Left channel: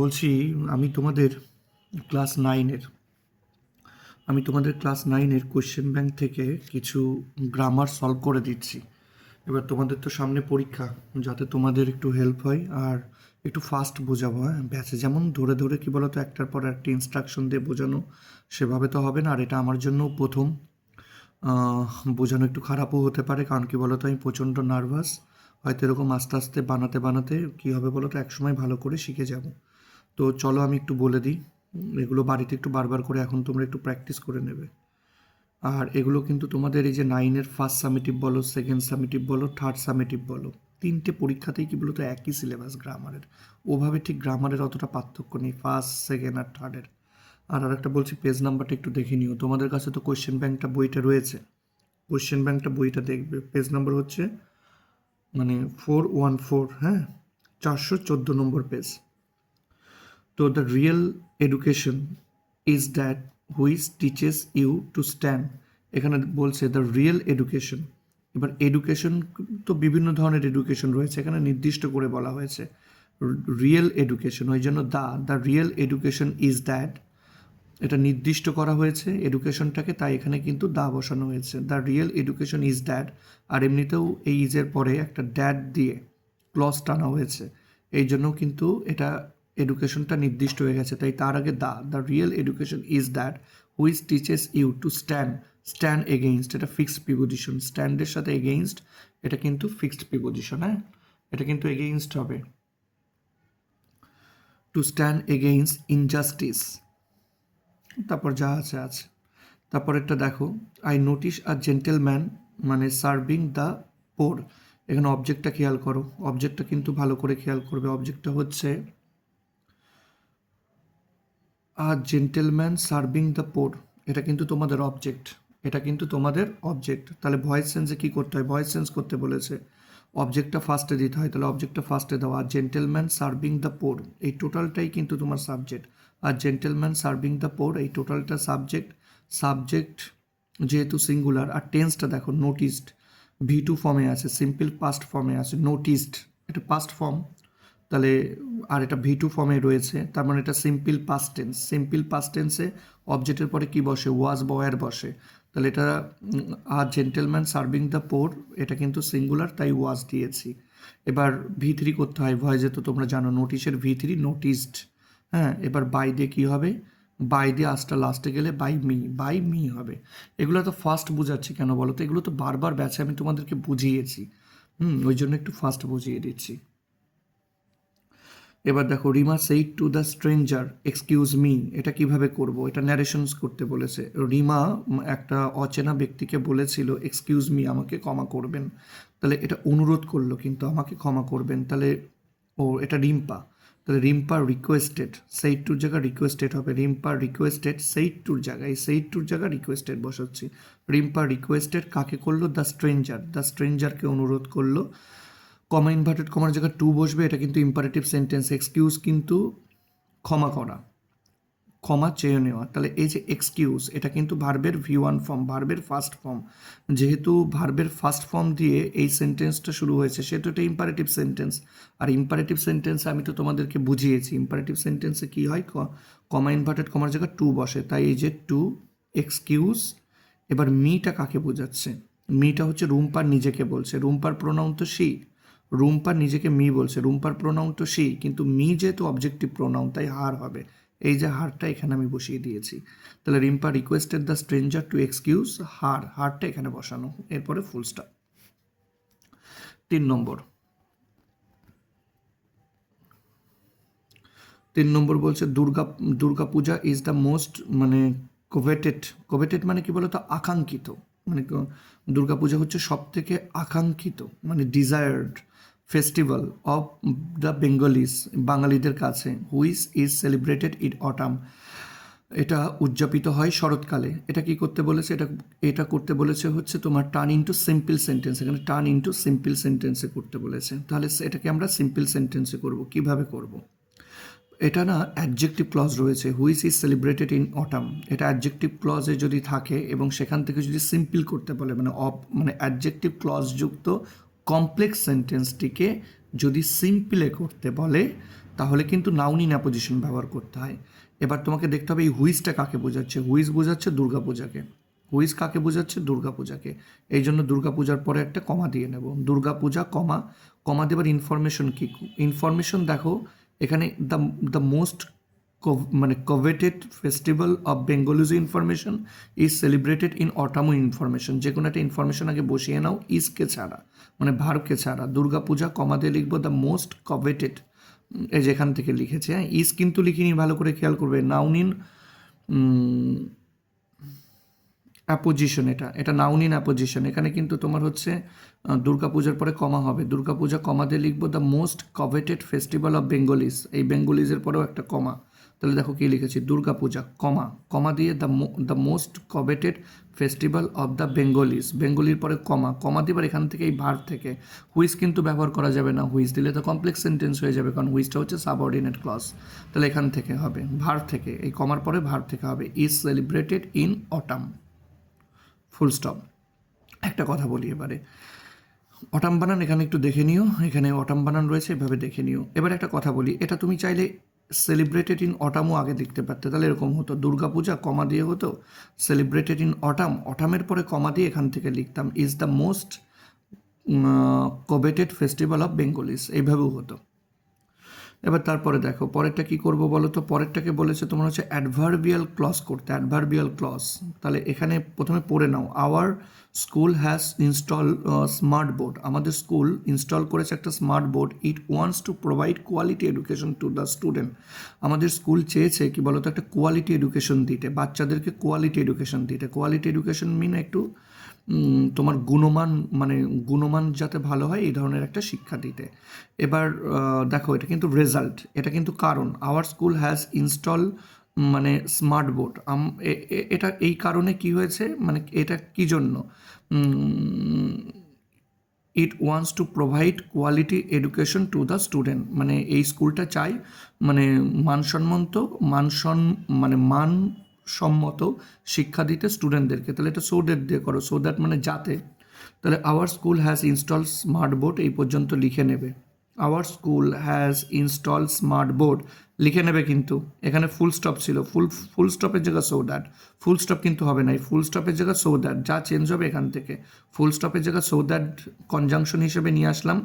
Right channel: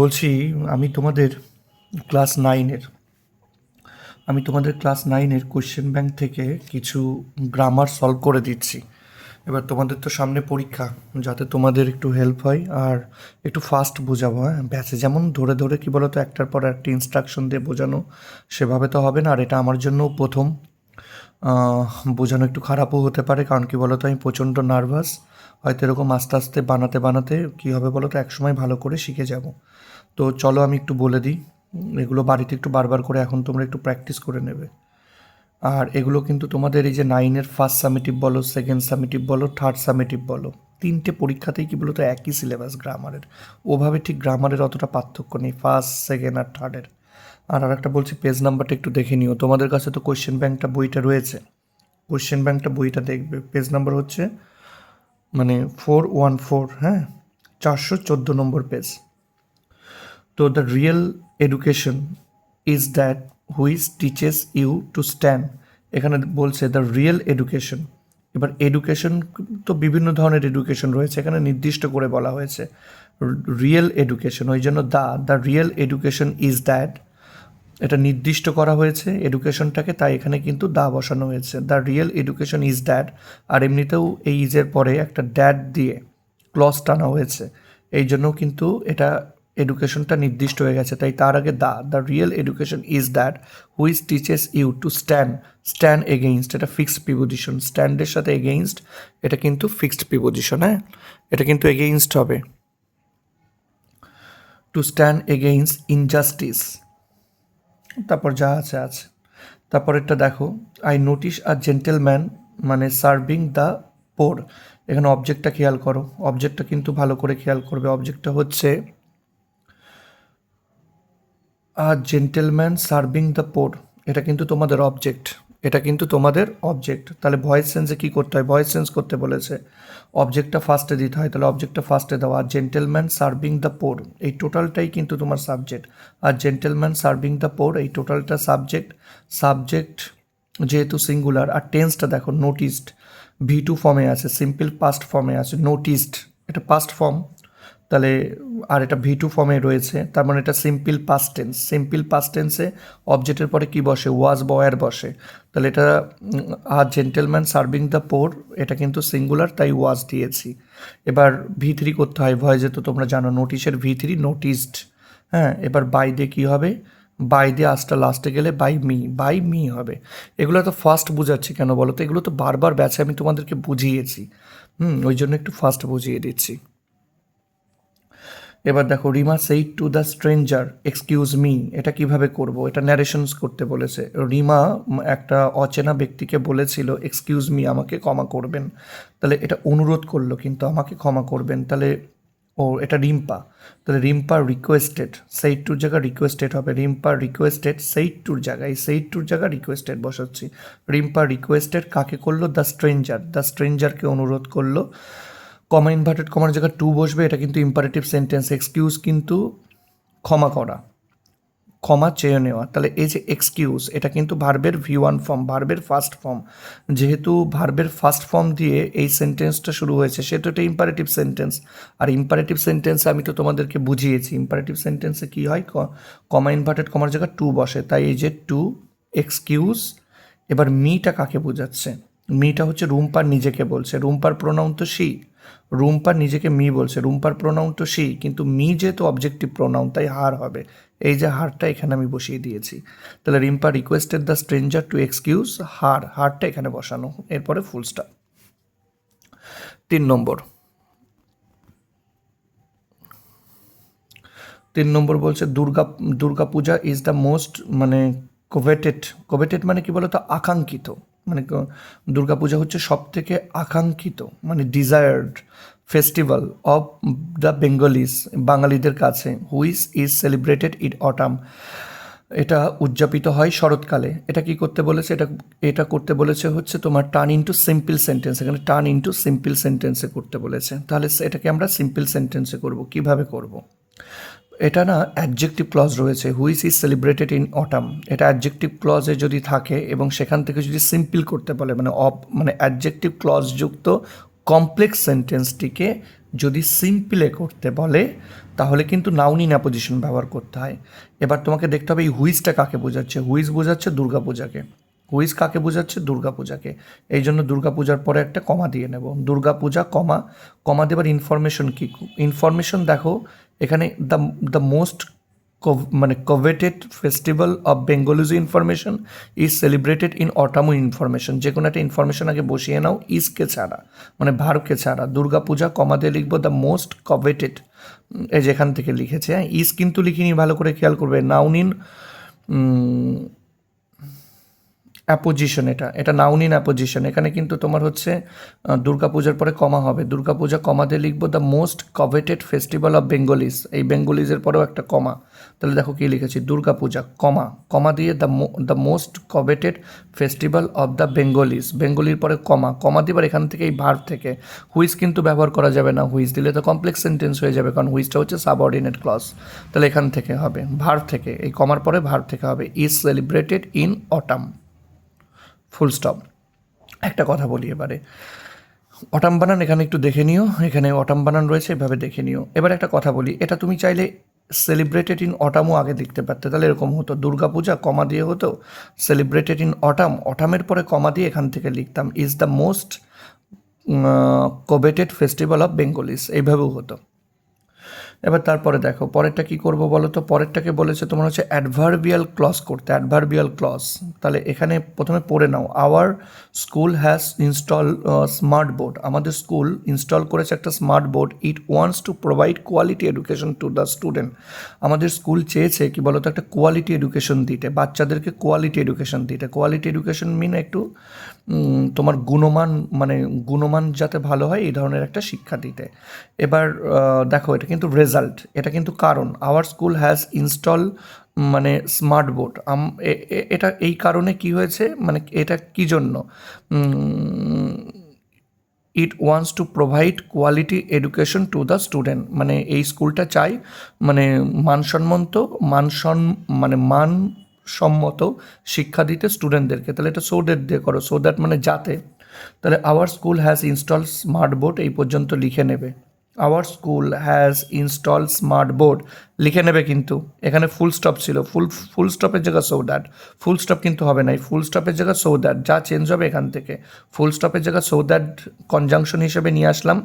বলছি আমি তোমাদের ক্লাস নাইনের কোশ্চেন ব্যাংক থেকে কিছু গ্রামার সলভ করে দিচ্ছি। এবার তোমাদের তো সামনে পরীক্ষা, যাতে তোমাদের একটু হেল্প হয় আর একটু ফাস্ট বোঝাবো। হ্যাঁ, ব্যাচে যেমন ধরে ধরে কী বলো তো একটার পর একটা ইনস্ট্রাকশন দিয়ে বোঝানো, সেভাবে তো হবে না। আর এটা আমার জন্য প্রথম, বোঝানো একটু খারাপও হতে পারে, কারণ কি বলো তো আমি প্রচণ্ড নার্ভাস। হয়তো এরকম আস্তে আস্তে বানাতে বানাতে কী হবে বলো তো একসময় ভালো করে শিখে যাব। তো চলো আমি একটু বলে দিই। এগুলো বাড়িতে একটু বারবার করে এখন তোমরা একটু প্র্যাকটিস করে নেবে। আর এগুলো কিন্তু তোমাদের এই যে নাইনের ফার্স্ট সামেটিভ বলো, সেকেন্ড সামেটিভ বলো, থার্ড সামেটিভ বলো, তিনটে পরীক্ষাতেই কি বলো তো একই সিলেবাস গ্রামারের। ওভাবে ঠিক গ্রামারের অতটা পার্থক্য নেই ফার্স্ট, সেকেন্ড আর থার্ডের। আর আরেকটা বলছি, পেজ নাম্বারটা একটু দেখে নিও। তোমাদের কাছে তো কোয়েশ্চেন ব্যাংকটা বইটা রয়েছে, কোয়েশ্চেন ব্যাংকটা বইটা দেখবে। পেজ নাম্বার হচ্ছে 414, হ্যাঁ, 414 নম্বর পেজ। তো the real education is that which teaches you to stand. এখানে বলছে দ্য রিয়েল এডুকেশন। এবার এডুকেশন তো বিভিন্ন ধরনের এডুকেশন রয়েছে, এখানে নির্দিষ্ট করে বলা হয়েছে রিয়েল এডুকেশন, ওই জন্য the real education is that, এটা নির্দিষ্ট করা হয়েছে এডুকেশনটাকে, তাই এখানে কিন্তু দা বসানো হয়েছে। The real education is that. আর এমনিতেও এই ইজের পরে একটা ড্যাট দিয়ে ক্লজ টানা হয়েছে, এই জন্য কিন্তু এটা এডুকেশনটা নির্দিষ্ট হয়ে গেছে, তাই তার আগে the real education is that which teaches you to stand against. এটা ফিক্সড প্রিপোজিশন, স্ট্যান্ডের সাথে এগেইনস্ট, এটা কিন্তু ফিক্সড প্রিপোজিশন। হ্যাঁ, এটা কিন্তু এগেইনস্ট হবে। টু স্ট্যান্ড এগেইনস্ট ইনজাস্টিস, তারপর যা আছে আছে। তারপর এটা দেখো, I notice a gentleman serving the পোর। এখানে অবজেক্টটা খেয়াল করো, অবজেক্টটা কিন্তু ভালো করে খেয়াল করবে। অবজেক্টটা হচ্ছে আ জেন্টেলম্যান সার্ভিং দ্য পোর, এটা কিন্তু তোমাদের অবজেক্ট, এটা কিন্তু তোমাদের অবজেক্ট। তাহলে ভয়েস সেন্সে কী করতে হয়, ভয়েস সেন্স করতে বলেছে, অবজেক্টটা ফার্স্টে দিতে হয়, তাহলে অবজেক্টটা ফার্স্টে দাও। আর জেন্টেলম্যান সার্ভিং দ্য পোর, এই টোটালটাই কিন্তু তোমার সাবজেক্ট। আর জেন্টেলম্যান সার্ভিং দ্য পোর, এই টোটালটা সাবজেক্ট। সাবজেক্ট যেহেতু সিঙ্গুলার। আর টেন্সটা দেখো, নোটিসড, V2 ফর্মে আছে, সিম্পল পাস্ট ফর্মে আছে। নোটিসড এটা পাস্ট ফর্ম, তাহলে আর এটা V2 ফর্মে রয়েছে, তার মানে এটা simple past tense. Simple past টেন্সে অবজেক্টের পরে কি বসে, ওয়াজ বা ওয়্যার বসে। তাহলে এটা আর জেন্টেলম্যান সার্ভিং দ্য পোর, এটা কিন্তু সিঙ্গুলার, তাই ওয়াজ দিয়েছি। এবার V3 করতে হয় ভয়েসে, তো তোমরা জানো নোটিশের V3 নোটিসড। হ্যাঁ, এবার বাই দিয়ে কী হবে, বাই দিয়ে আসটা লাস্টে গেলে বাই মি হবে। এগুলো তো ফার্স্ট বোঝাচ্ছি কেন বলো তো, এগুলো তো বারবার ব্যাচে আমি তোমাদেরকে বুঝিয়েছি, ওই জন্য একটু ফার্স্ট বুঝিয়ে দিচ্ছি। এবার দেখো, Rima said to the stranger excuse me, এটা কিভাবে করব, এটা ন্যারেশনস করতে বলেছে। রিমা একটা অচেনা ব্যক্তিকে বলেছিল এক্সকিউজ মি, আমাকে ক্ষমা করবেন। তাহলে এটা অনুরোধ করলো কিন্তু আমাকে ক্ষমা করবেন, তাহলে এটা রিম্পা। তাহলে রিম্পা রিকোয়েস্টেড, সেইড টুর জায়গায় রিকোয়েস্টেড হবে। রিম্পা রিকোয়েস্টেড সেইড টুর জায়গায়, সেইড টুর জায়গায় রিকোয়েস্টেড বসাচ্ছি। রিম্পা রিকোয়েস্টেড কাকে করলো, দ্য স্ট্রেঞ্জারকে অনুরোধ করলো। কমা ইনভার্টেড কমার জায়গায় টু বসবে, এটা কিন্তু ইম্পারেটিভ সেন্টেন্স। এক্সকিউজ কিন্তু ক্ষমা করা, ক্ষমা চেয়ে নেওয়া। তাহলে এই যে এক্সকিউজ, এটা কিন্তু ভার্বের V1 ফর্ম, ভার্বের ফার্স্ট ফর্ম। যেহেতু ভার্বের ফার্স্ট ফর্ম দিয়ে এই সেন্টেন্সটা শুরু হয়েছে, সেটা একটা ইম্পারেটিভ সেন্টেন্স। আর ইম্পারেটিভ সেন্টেন্সে আমি তো তোমাদেরকে বুঝিয়েছি, ইম্পারেটিভ সেন্টেন্সে কী হয়, কমা ইনভার্টেড কমার জায়গায় টু বসে, তাই এই যে টু এক্সকিউজ। এবার মিটা কাকে বোঝাচ্ছে, মিটা হচ্ছে রুম্পার নিজেকে বলছে, রুম্পার প্রোনাউন তো সি। রুম্পার নিজেকে মি বলছে, রুম্পার প্রোনাউন তো সি, কিন্তু মি যেহেতু অবজেক্টিভ প্রোনাউন, তাই হার হবে। এই যে হারটা এখানে আমি বসিয়ে দিয়েছি। তাহলে Rimpa requested the stranger two excuse হারটা এখানে বসানো, এরপরে ফুল স্টপ। 3 নম্বর, 3 নম্বর বলছে Durga Puja is the most coveted. Coveted মানে কি বলতো, আকাঙ্ক্ষিত। দুর্গা পূজা হচ্ছে সব থেকে আকাঙ্ক্ষিত, desired festival of the Bengalis, বাঙালিদের কাছে। Which is celebrated in autumn, এটা উদযাপিত হয় শরৎকালে। এটা কি করতে বলেছে, এটা করতে বলেছে হচ্ছে তোমার টার্ন ইনটু সিম্পল সেন্টেন্স। এখানে টার্ন ইনটু সিম্পল সেন্টেন্সে করতে বলেছে, তাহলে এটাকে আমরা সিম্পল সেন্টেন্সে করব। কিভাবে করব, এটা না অ্যাডজেক্টিভ ক্লজ রয়েছে, which is celebrated in autumn. এটা অ্যাডজেক্টিভ ক্লজে যদি থাকে এবং সেখান থেকে যদি সিম্পল করতে বলে, অ্যাডজেক্টিভ ক্লজ যুক্ত কমপ্লেক্স সেন্টেন্সটিকে যদি সিম্পলে করতে বলে, তাহলে কিন্তু নাউন ইন অ্যাপোজিশন ব্যবহার করতে হয়। এবার তোমাকে দেখতে হবে এই হুইজটা কাকে বোঝাচ্ছে। হুইজ বোঝাচ্ছে দুর্গাপূজাকে। হুইজ কাকে বোঝাচ্ছে? দুর্গাপূজাকে। এই জন্য দুর্গাপূজার পরে একটা কমা দিয়ে নেব। দুর্গাপূজা কমা, কমা দেবার ইনফরমেশন কী? ইনফরমেশন দেখো এখানে দ্য মোস্ট মানে coveted festival of Bengalis information is celebrated in অটামো ইনফরমেশন। যে কোনো একটা ইনফরমেশন আগে বসিয়ে নাও ইজকে ছাড়া, মানে ভারকে ছাড়া। দুর্গাপূজা কমা দিয়ে লিখবো দ্য মোস্ট কভেটেড, এই যেখান থেকে লিখেছে, হ্যাঁ ইজ কিন্তু লিখিনি, ভালো করে খেয়াল করবে। নাউন ইন অ্যাপোজিশন, এটা নাউন ইন অ্যাপোজিশন। এখানে কিন্তু তোমার হচ্ছে দুর্গাপূজার পরে কমা হবে। দুর্গাপূজা কমা দিয়ে লিখবো the most coveted festival of Bengalis, এই বেঙ্গলিজের পরেও একটা কমা। তাহলে দেখো কী লিখেছি, দুর্গাপূজা কমা, কমা দিয়ে the most coveted festival of the Bengalis, বেঙ্গলির পরে কমা, কমা দিবার এখান থেকে এই ভার্ব থেকে। হুইজ কিন্তু ব্যবহার করা যাবে না, হুইজ দিলে তো কমপ্লেক্স সেন্টেন্স হয়ে যাবে, কারণ হুইজটা হচ্ছে সাবঅর্ডিনেট ক্লজ। তাহলে এখান থেকে হবে ভার্ব থেকে, এই কমার পরে ভার্ব থেকে হবে is celebrated in autumn, full stop. একটা কথা বলি এবারে, অটাম বানান এখানে একটু দেখে নিও, এখানে অটাম বানান রয়েছে, এভাবে দেখে নিও। এবার একটা কথা বলি, এটা তুমি চাইলে সেলিব্রেটেড ইন অটামও আগে লিখতে পারতে, তাহলে এরকম হতো দুর্গাপূজা কমা দিয়ে হতো সেলিব্রেটেড ইন অটাম, অটামের পরে কমা দিয়ে এখান থেকে লিখতাম is the most coveted festival of Bengalis, এইভাবেও হতো। এবার তারপরে দেখো পরেরটা কি করব বলো তো। পরেরটাকে বলেছে তোমার হচ্ছে অ্যাডভার্বিয়াল ক্লজ করতে, অ্যাডভার্বিয়াল ক্লজ। তাহলে এখানে প্রথমে পড়ে নাও, our school has install smart board, আমাদের স্কুল ইনস্টল করেছে একটা smart board. It wants to provide quality education to the student, আমাদের স্কুল চেয়েছে কি বলতো একটা কোয়ালিটি এডুকেশন দিতে, বাচ্চাদেরকে কোয়ালিটি এডুকেশন দিতে। কোয়ালিটি এডুকেশন মিন একটু তোমার গুণমান, মানে গুণমান যাতে ভালো হয় এই ধরনের একটা শিক্ষা দিতে। এবার দেখো এটা কিন্তু রেজাল্ট, এটা কিন্তু কারণ। আওয়ার স্কুল হ্যাজ ইনস্টল মানে স্মার্ট বোর্ড, এটা এই কারণে কি হয়েছে, মানে এটা কি জন্য, ইট wants to provide quality education to the student, মানে এই স্কুলটা চাই মানে মানসম্মত, মানে মানসম্মত শিক্ষা দিতে স্টুডেন্টদেরকে। তাহলে এটা সো দ্যাট দিয়ে করো, সো দ্যাট মানে যাতে। তাহলে our school has install smart board এই পর্যন্ত লিখে নেবে। Hour school has install smart board লিখে নেবে, কিন্তু এখানে ফুল স্টপ ছিল, ফুল স্টপের জায়গা সো দ্যাট, ফুল স্টপ কিন্তু হবে না, এই ফুল স্টপের জায়গা সো দ্যাট, যা চেঞ্জ হবে এখান থেকে ফুল স্টপের জায়গা সো দ্যাট কনজাংশন হিসেবে নিয়ে আসলাম।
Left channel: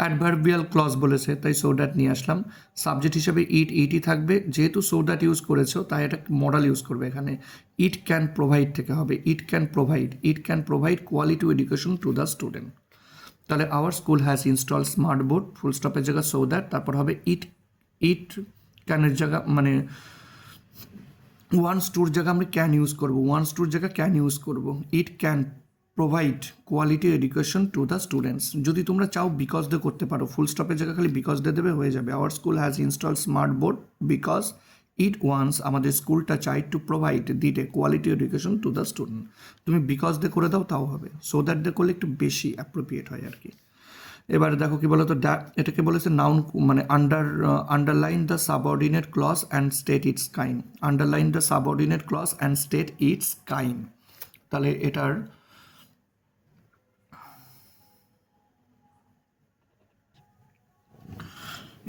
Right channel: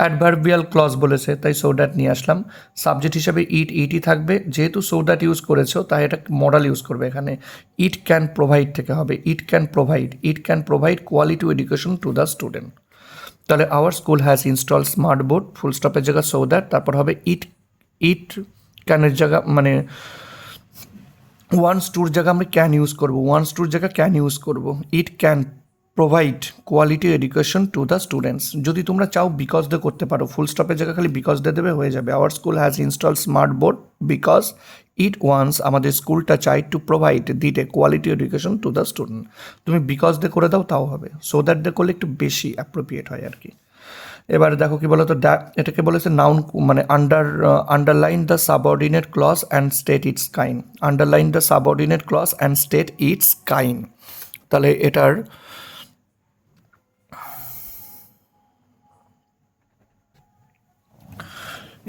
অ্যাডভার্বিয়াল ক্লজ বলেছে তাই সো দ্যাট নিয়ে আসলাম। সাবজেক্ট হিসেবে ইটই থাকবে, যেহেতু সো দ্যাট ইউজ করেছো তাই এটা মডাল ইউজ করবে এখানে। ইট ক্যান প্রোভাইড থেকে হবে it can provide quality education to the student. তাহলে our school has install smart board, full স্টপের জায়গা সো দ্যাট, তারপর হবে ইট ক্যানের জায়গা মানে ওয়ান্স টুর জায়গা আমরা ক্যান ইউজ করবো, ওয়ান্স টুর জায়গা ক্যান ইউজ করবো। ইট can provide quality education to the students. যদি তোমরা চাও বিকজ দে করতে পারো, ফুল স্টপের জায়গা খালি বিকজ দে দেবে হয়ে যাবে। Our school has install smart board because it wants, আমাদের স্কুলটা চাই টু প্রোভাইড দিতে quality education to the student. তুমি বিকজ দে করে দাও তাও হবে, সো দ্যাট দে করলে একটু বেশি অ্যাপ্রোপ্রিয়েট হয় আর কি। এবার দেখো কি বলতো, এটাকে বলেছে নাউন মানে underline the subordinate clause and state its kind, underline the subordinate clause and state its kind. তাহলে এটার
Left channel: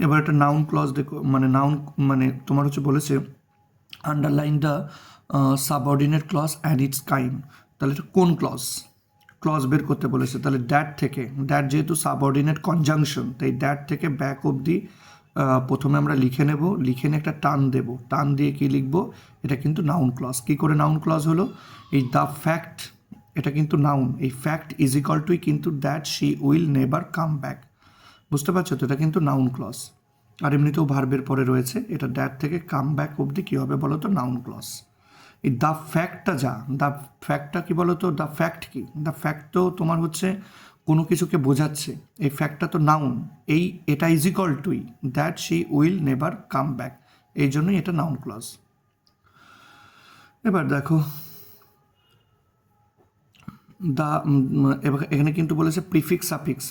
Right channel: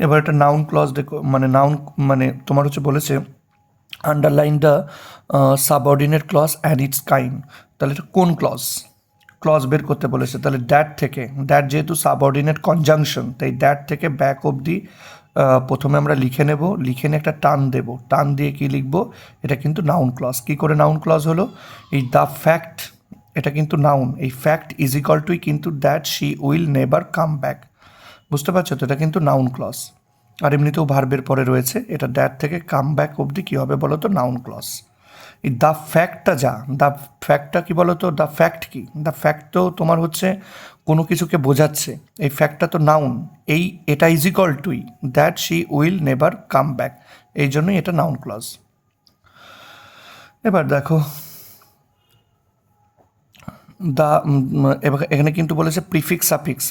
এবার একটা নাউন ক্লজ দেখো, মানে নাউন মানে তোমার হচ্ছে বলেছে underline the subordinate clause and its kind. তাহলে এটা কোন ক্লজ বের করতে বলেছে। তাহলে দ্যাট থেকে, দ্যাট যেহেতু সাবঅর্ডিনেট কনজাংশন তাই দ্যাট থেকে ব্যাক অবধি প্রথমে আমরা লিখে নেব, লিখে নিয়ে একটা টান দেব, টান দিয়ে কি লিখবো, এটা কিন্তু নাউন ক্লজ। কী করে নাউন ক্লজ হলো, এই দ্য ফ্যাক্ট, এটা কিন্তু নাউন, এই ফ্যাক্ট ইজ ইকাল টুই কিন্তু that she will never come back, বুঝতে পারছো তো, এটা কিন্তু নাউন ক্লজ। আর এমনিতেও ভার্বের পরে রয়েছে, এটা দ্যাট থেকে কাম ব্যাক অবধি কী হবে বলো তো, নাউন ক্লজ। এই দ্য ফ্যাক্টটা যা, দ্য ফ্যাক্টটা কী বলো তো, দ্য ফ্যাক্ট কি, দ্য ফ্যাক্ট তো তোমার হচ্ছে কোনো কিছুকে বোঝাচ্ছে, এই ফ্যাক্টটা তো নাউন, এটা is equal to that she will never come back, এই জন্যই এটা নাউন ক্লজ। এবার দেখো এখানে কিন্তু বলেছে প্রিফিক্স সাফিক্স,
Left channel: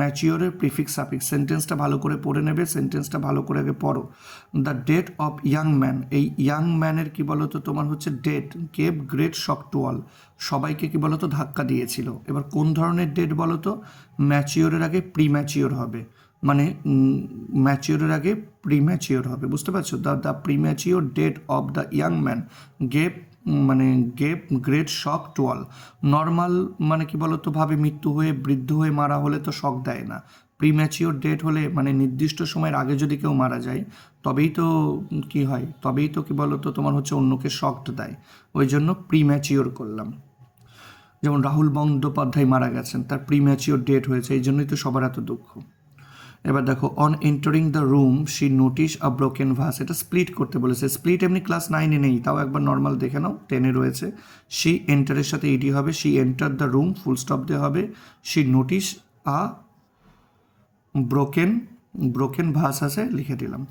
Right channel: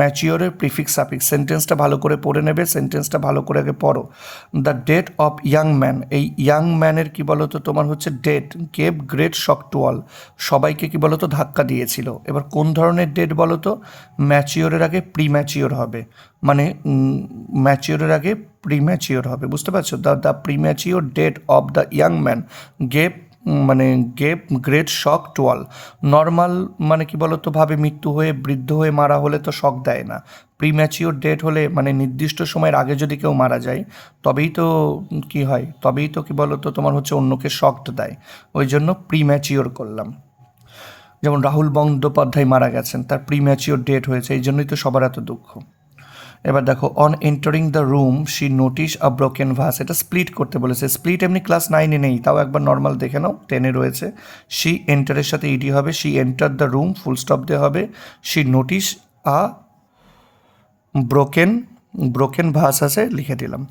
ম্যাচিওরের প্রিফিক্স সাফিক্স। সেন্টেন্সটা ভালো করে পড়ে নেবে, সেন্টেন্সটা ভালো করে আগে পড়ো। The death of young man, এই ইয়াং ম্যানের কী বলো তো তোমার হচ্ছে death gave great shock to all, সবাইকে কী বলো তো ধাক্কা দিয়েছিল। এবার কোন ধরনের ডেট বলো তো, ম্যাচিওরের আগে প্রি ম্যাচিওর হবে, মানে ম্যাচিওরের আগে প্রি ম্যাচিওর হবে, বুঝতে পারছো? The premature death of the young man gave মানে gave great shock to all. Normal মানে কি বলতো ভাবে মৃত্যু হয়ে বৃদ্ধ হয়ে মারা হলে তো শক দেয় না, প্রিম্যাচিওর ডেট হলে মানে নির্দিষ্ট সময়ের আগে যদি কেউ মারা যায় তবেই তো কি হয়, তবেই তো কি বলতো তোমার হচ্ছে অন্যকে শকড দেয়, ওই জন্য প্রিম্যাচিওর করলাম। যেমন রাহুল বন্দ্যোপাধ্যায় মারা গেছেন, তার প্রিম্যাচিওর ডেট হয়েছে, এই জন্যই তো সবার এত দুঃখ। এবার দেখো, on entering the room she notice a broken vase, এটা স্প্লিট করতে বলেছে। স্প্লিট এমনি ক্লাস 9-এ নেই, তাও একবার নর্মাল দেখে নাও, 10-এ রয়েছে। শি এন্টারের সাথে ইডি হবে, she enter the room full stop দিয়ে হবে, she notice a broken broken vase আছে, লিখে দিলাম।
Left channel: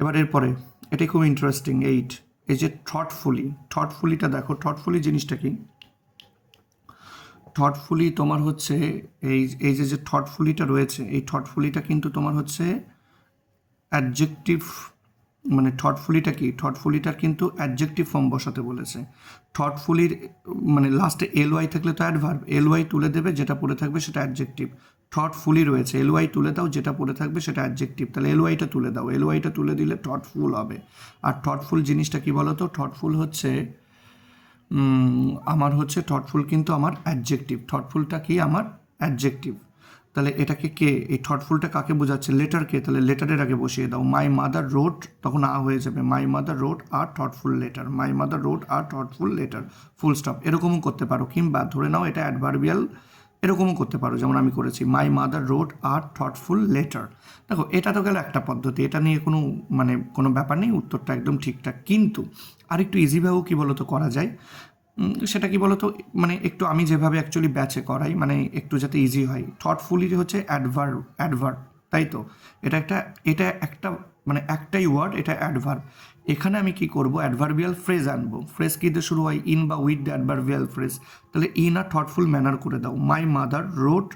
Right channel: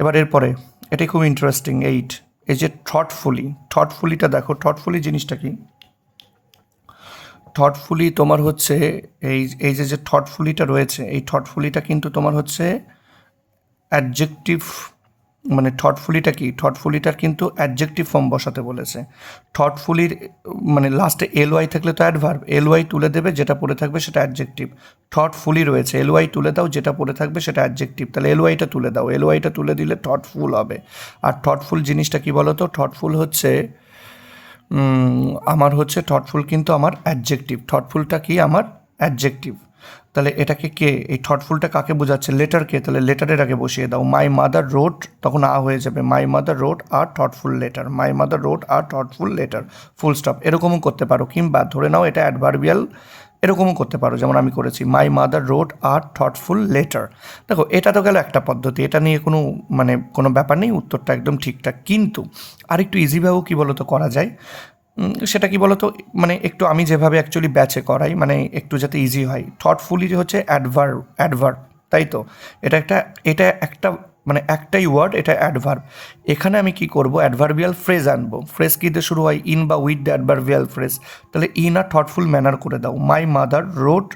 এবার এরপরে এটাই খুব ইন্টারেস্টিং, এই যে থটফুলিটা দেখো, থটফুলি জিনিসটা কি? থটফুলি তোমার হচ্ছে এই যে থটফুলিটা রয়েছে, এই থটফুলিটা কিন্তু তোমার হচ্ছে অ্যাডজেক্টিভ, মানে থটফুলিটা কি, থটফুলিটার কিন্তু অ্যাডজেক্টিভ ফর্ম বসাতে বলেছে। থটফুলির মানে লাস্টে এলওয়াই থাকলে তো অ্যাডভার্ব, এলওয়াই তুলে দেবে, যেটা পড়ে থাকবে সেটা অ্যাডজেক্টিভ। থটফুলি রয়েছে, এলওয়াই তুলে দাও, যেটা পড়ে থাকবে সেটা অ্যাডজেক্টিভ, তাহলে এলওয়াইটা তুলে দাও, এলওয়াইটা তুলে দিলে থটফুল হবে। আর থটফুল জিনিসটা কি বলো তো, থটফুল হচ্ছে আমার হচ্ছে থটফুল কিন্তু আমার অ্যাডজেক্টিভ, থটফুলটা কি আমার অ্যাডজেক্টিভ। তাহলে এটাকে কে, এই থটফুলটা কাকে বোঝাচ্ছে, লেটারকে, তাহলে লেটারের আগে বসিয়ে দাও। মাই মাদার রোড, তখন আ হয়ে যাবে, my mother wrote a thoughtful letter, my mother wrote a thoughtful letter, full stop. এরকমও করতে পারো, কিংবা ধরে নাও এটা অ্যাডভার্বিয়াল, এরকমও করতে পারো, যেমন আমি করেছি, my mother wrote a thoughtful letter. দেখো এটা তো গেল একটা পদ্ধতি, এটা নিয়ে কোনো ব্যাপার নেই, উত্তরটা একদম ঠিকঠাক। কিন্তু আরেকটু ইজিভাবেও কী বলো তো করা যায়, সেটা কি বলতো, মানে একটু আমি যেভাবে অ্যাকচুয়ালি ব্যাচে করাই, মানে একটু যাতে ইজি হয়। থটফুলি হচ্ছে অ্যাডভার্ব, তাই তো? এটা একটা মানে একটাই ওয়ার্ড, এটা অ্যাডভার্ব। এখানে আমি কি করব, অ্যাডভার্বিয়াল ফ্রেজ আনবো। ফ্রেজ কী দিয়ে শুরু হয়, ইন বা উইথ দ্য অ্যাডভার্বিয়াল ফ্রেজ। তাহলে ইন আ থটফুল ম্যানার করে দাও, মাই মাদার রোড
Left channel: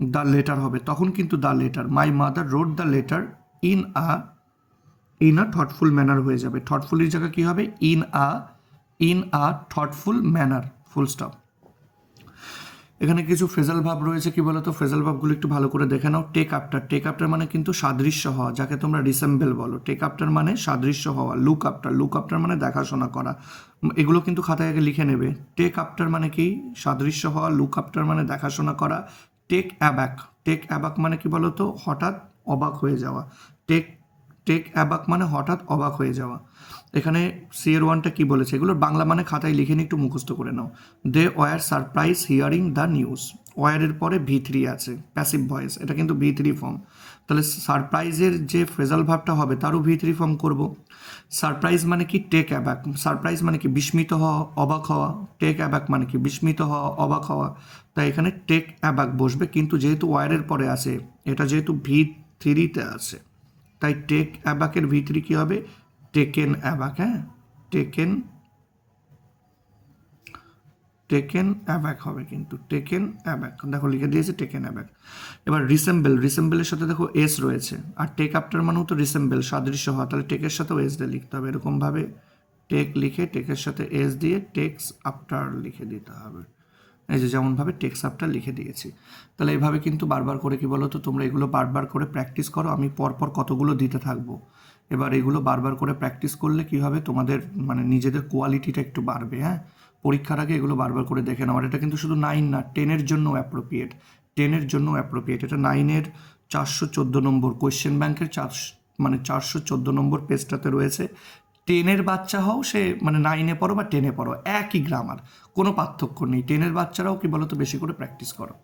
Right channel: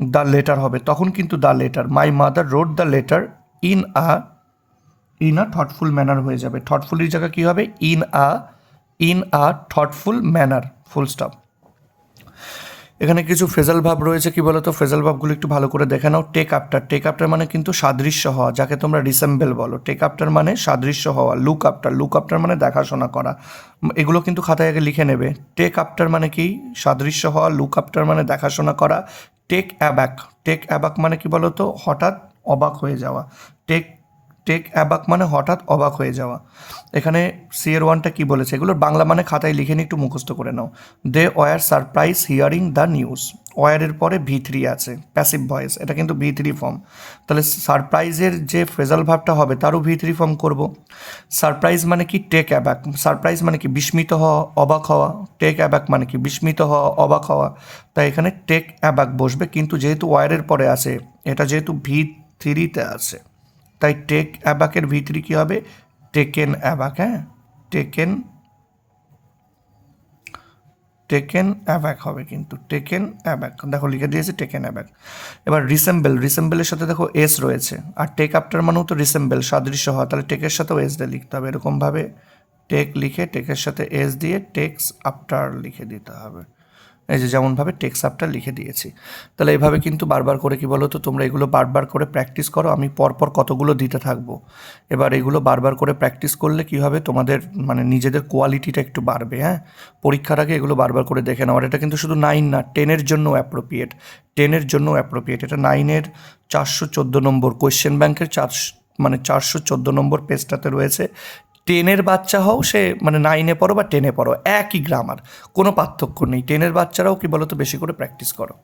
দ্য লেটার হবে, তখন কিন্তু the letter, my mother wrote the letter in a thoughtful manner হয়ে যাবে। থটফুলির জায়গায় কী হবে, in a thoughtful manner, full stop. এখানে কিছু ফ্রেজাল ভাব রয়েছে, কি বলতো, ফ্রেজাল ভাবগুলো একটু ভালো করে দেখে নাও। টেক আফটার মানে কিন্তু সাদৃশ্য হওয়া, যাকে তোমরা রিসেম্বল বলো। টেক আফটার মানে সাদৃশ্য হওয়া। লুক আফটার মানে দেখাশোনা করা। এগুলো কিন্তু খাতায় আগে লিখে নেবে। টেক আফটার মানে কি, সাদৃশ্য হওয়া। লুক আফটার মানে দেখাশোনা করা। টেক অ্যাবাক মানে কি বলতো, হঠাৎ অবাক হয়ে যাওয়া। টেক অ্যাবাক মানে হঠাৎ অবাক হয়ে যাওয়া। এখানে সিএর ওয়ানটা কী বলেছে, এগুলোর বাংলা মানে খাতায় লিখে নিয়ে একটু মুখস্থ করে নাও। They were surprise hearing the news, ওয়ারের পরে V3 আছে, প্যাসিভ ভয়েস, এটা কিন্তু V3 ফর্ম। তাহলে সারপ্রাইজের যে ফ্রেজাল ভাবটা হবে তারও V3 ফর্ম করব। সারপ্রাইজ মানে কি, টেক অ্যাবাক। সারপ্রাইজ মানে কি, বিস্মিত হওয়া, অবাক হওয়া। টেক অ্যাবাক মানে কি, বিস্মিত হওয়া, অবাক হওয়া। তাই এখানে টেক অ্যাবাক বসবে, কিন্তু যেহেতু ওয়ারের পরে আছে, এটা যেহেতু V3-তে আছে, তাই টেক অ্যাবাকের V3 কী হবে, টেকেন অ্যাবাক। হ্যাঁ, টেকেন অ্যাবাক হবে, কিন্তু টেকেন অ্যাবাক, দেখো লিখে দিয়েছে টেকেন অ্যাবাক। এবার রিসেম্বলের সাথে দেখো এস রয়েছে, আর টেক আফটার মানেও তো রিসেম্বল, সাদৃশ্য হওয়া, তাহলে টেকের সাথেও এস দিয়ে লিখতে হবে। এরকমভাবে টেক লিখে টেকের সাথে এস দিয়ে টেক্স আফটার লিখে দিতে হবে, এই যে যেমনভাবে টেক্স আফটার লিখে দিয়েছি। তাহলে এইভাবে কিন্তু বারবার করে কি বলো তো, তোমরা এগুলো বারবার করে প্র্যাকটিস করো, আমি পরপর কতগুলো দিতে থাকবো। এবার এগুলো বারবার করে প্র্যাকটিস করলে কি হবে, তোমাদের মানে নিজেদের কোয়ালিটিটা একটু বাড়বে। হ্যাঁ, পরীক্ষার আগে এগুলো বারবার করে দেখে নাও। আর এটা কিন্তু শুধু 9 না, 10-এর জন্য অ্যাপ্রোপ্রিয়েট, এটা 9-এর 414 নম্বর কোয়েশ্চেন ব্যাংকের 414 নম্বর পেজটাতে রয়েছে। 10-এর বাচ্চা হও, সে মানে 9-এ পড়ো বা 10-এ পড়ো, একই গ্রামার, কোনো পার্থক্য নেই। 10-এর বাচ্চারাও কি বলো তো বেশি করে প্র্যাকটিস করো।